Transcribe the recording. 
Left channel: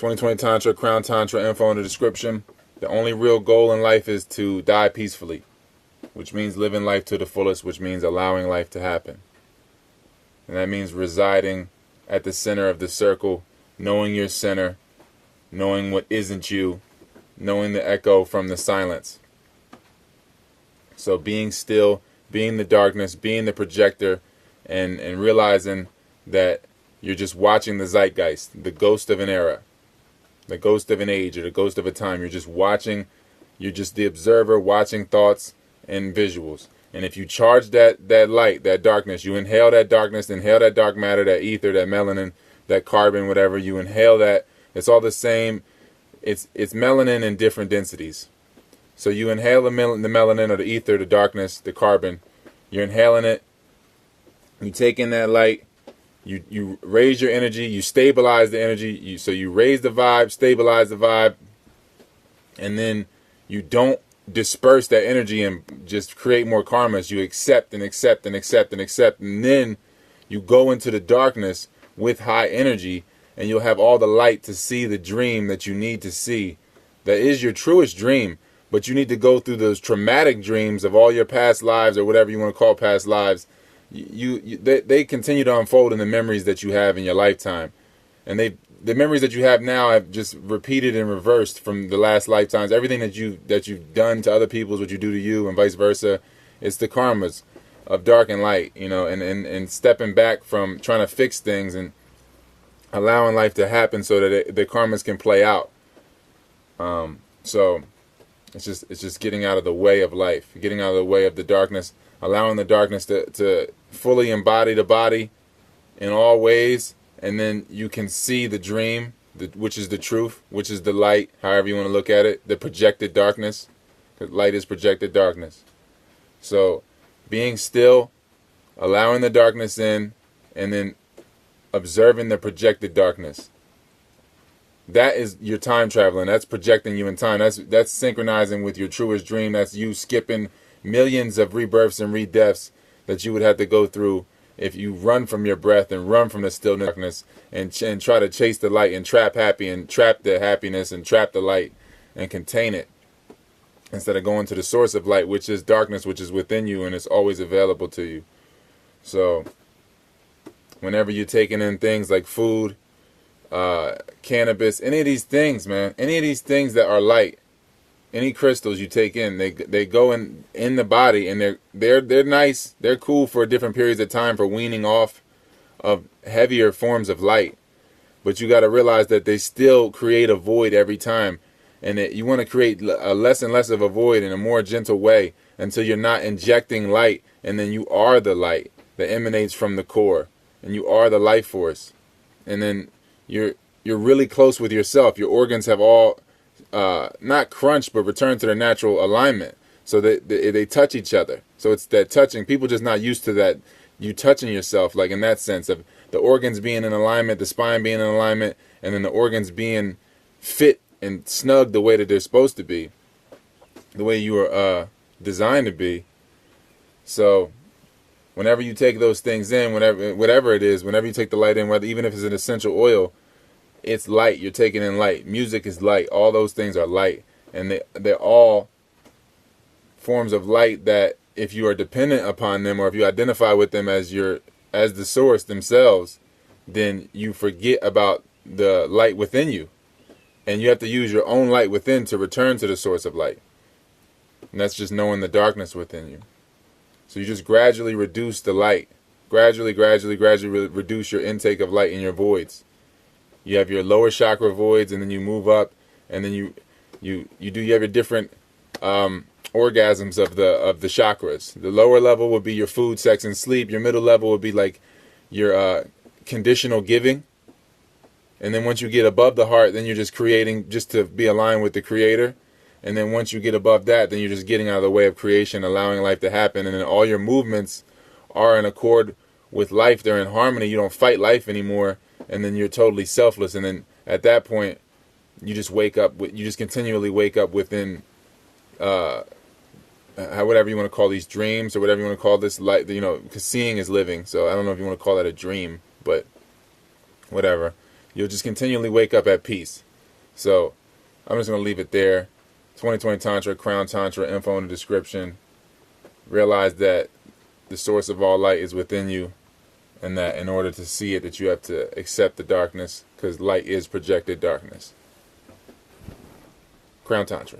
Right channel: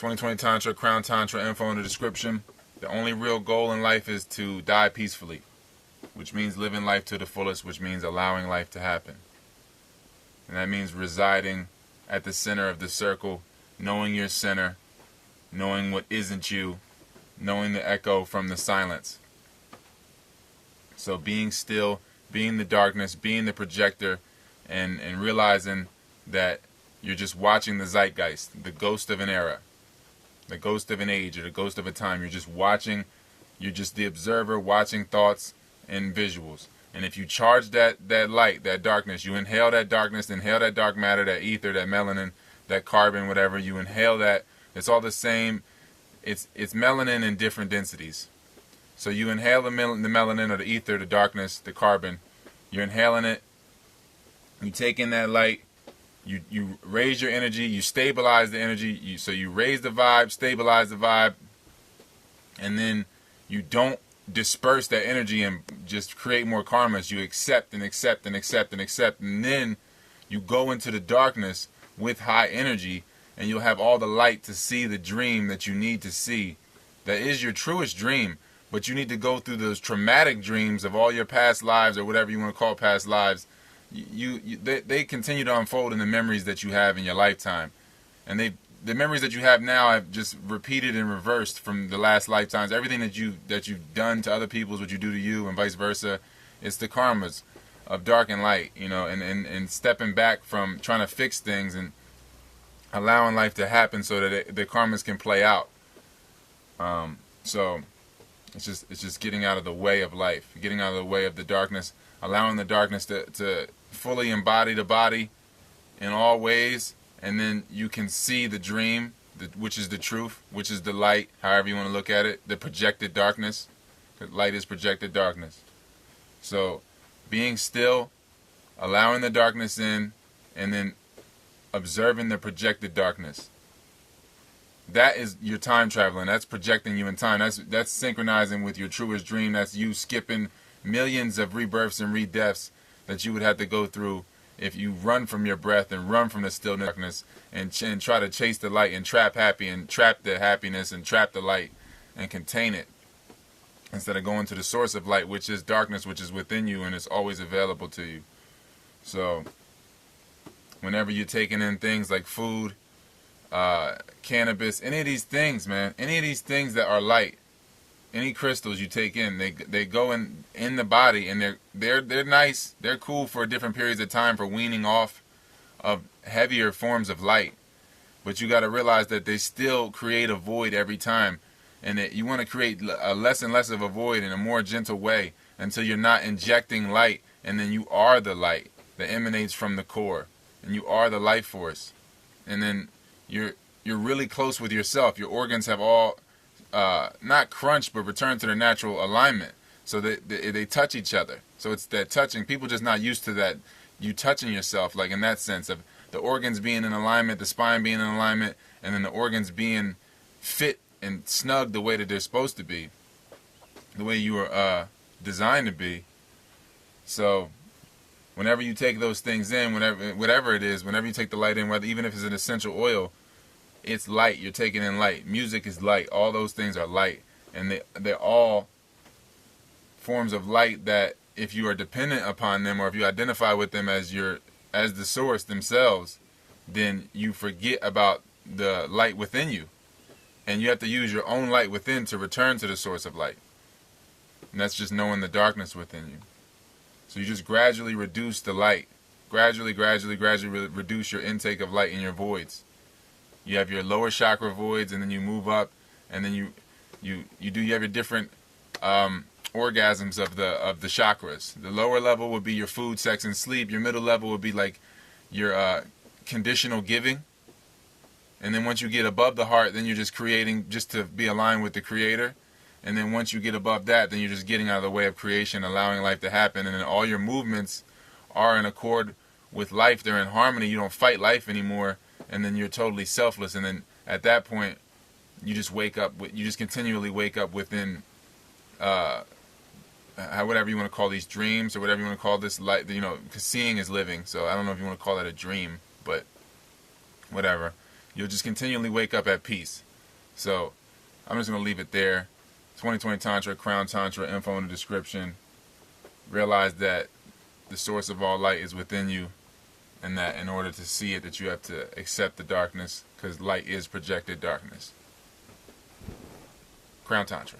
2020 Tantra, Crown Tantra, info in the description. The only real goal in life is to die peacefully, which means living life to the fullest, which means allowing life to happen. And that means residing at the center of the circle, knowing your center, knowing what isn't you, knowing the echo from the silence. So being still, being the darkness, being the projector, and realizing that you're just watching the zeitgeist, the ghost of an era, the ghost of an age, or the ghost of a time. You're just watching, you're just the observer watching thoughts and visuals. And if you charge that light, that darkness, you inhale that darkness, inhale that dark matter, that ether, that melanin, that carbon, whatever, you inhale that, it's all the same. It's melanin in different densities. So you inhale the melanin or the ether, the darkness, the carbon. You're inhaling it. You take in that light. You raise your energy. You stabilize the energy. So you raise the vibe, stabilize the vibe. And then you don't disperse that energy and just create more karmas. You accept and accept and accept and accept. And then you go into the darkness with high energy. And you'll have all the light to see the dream that you need to see. That is your truest dream. But you need to go through those traumatic dreams of all your past lives, or whatever you want to call past lives. They continue to unfold in the memories that you have in your lifetime. And the memories that you have now have just repeated and reversed from the last lifetimes. Everything that you've done to other people is what you do to you, and vice versa. It's the karmas of dark and light, and stepping back from trying to fix things and allowing life to happen so that the karmas can play out. So it's just getting out of the way of life, getting out of the way of the darkness, allowing the darkness to fully embody the body in all ways, and then you can see the dream, which is the truth, which is the light, however you want to look at it, the projected darkness. Because light is projected darkness. So being still, allowing the darkness in, and then observing the projected darkness. That is your time traveling. That's projecting you in time. That's synchronizing with your truest dream. That's you skipping millions of rebirths and redeaths that you would have to go through if you run from your breath and run from the still darkness and try to chase the light and trap the happiness and trap the light and contain it, instead of going to the source of light, which is darkness, which is within you and it's always available to you. So whenever you're taking in things like food, cannabis, any of these things, man, any of these things that are light, any crystals you take in, they go in the body, and they're nice, they're cool for different periods of time for weaning off of heavier forms of light. But you got to realize that they still create a void every time, and that you want to create a less and less of a void in a more gentle way until you're not injecting light, and then you are the light that emanates from the core, and you are the life force, and then you're really close with yourself. Your organs have all not crunched, but returned to their natural alignment, so that they touch each other. So it's that touching. People just not used to that. You touching yourself, like in that sense of the organs being in alignment, the spine being in alignment, and then the organs being fit and snug the way that they're supposed to be, the way you were designed to be. So whenever you take those things in, whatever it is, whenever you take the light in, even if it's an essential oil, it's light. You're taking in light. Music is light. All those things are light, and they're all forms of light that, if you are dependent upon them, or if you identify with them as the source themselves, then you forget about the light within you, and you have to use your own light within to return to the source of light. And that's just knowing the darkness within you. So you just gradually reduce the light, gradually reduce your intake of light in your voids. You have your lower chakra voids, and then you move up, and then you have your different orgasms of the chakras. The lower level would be your food, sex, and sleep. Your middle level would be like your conditional giving. And then once you get above the heart, then you're just creating just to be aligned with the creator. And then once you get above that, then you're just getting out of the way of creation, allowing life to happen. And then all your movements are in accord with life. They're in harmony. You don't fight life anymore. And then you're totally selfless. And then at that point, you just wake up. You just continually wake up within, whatever you want to call these dreams, or whatever you want to call this light. Because seeing is living. So I don't know if you want to call that a dream, but whatever. You'll just continually wake up at peace. So I'm just going to leave it there. 2020 Tantra, Crown Tantra, info in the description. Realize that the source of all light is within you, and that in order to see it, that you have to accept the darkness, because light is projected darkness. Crown Tantra.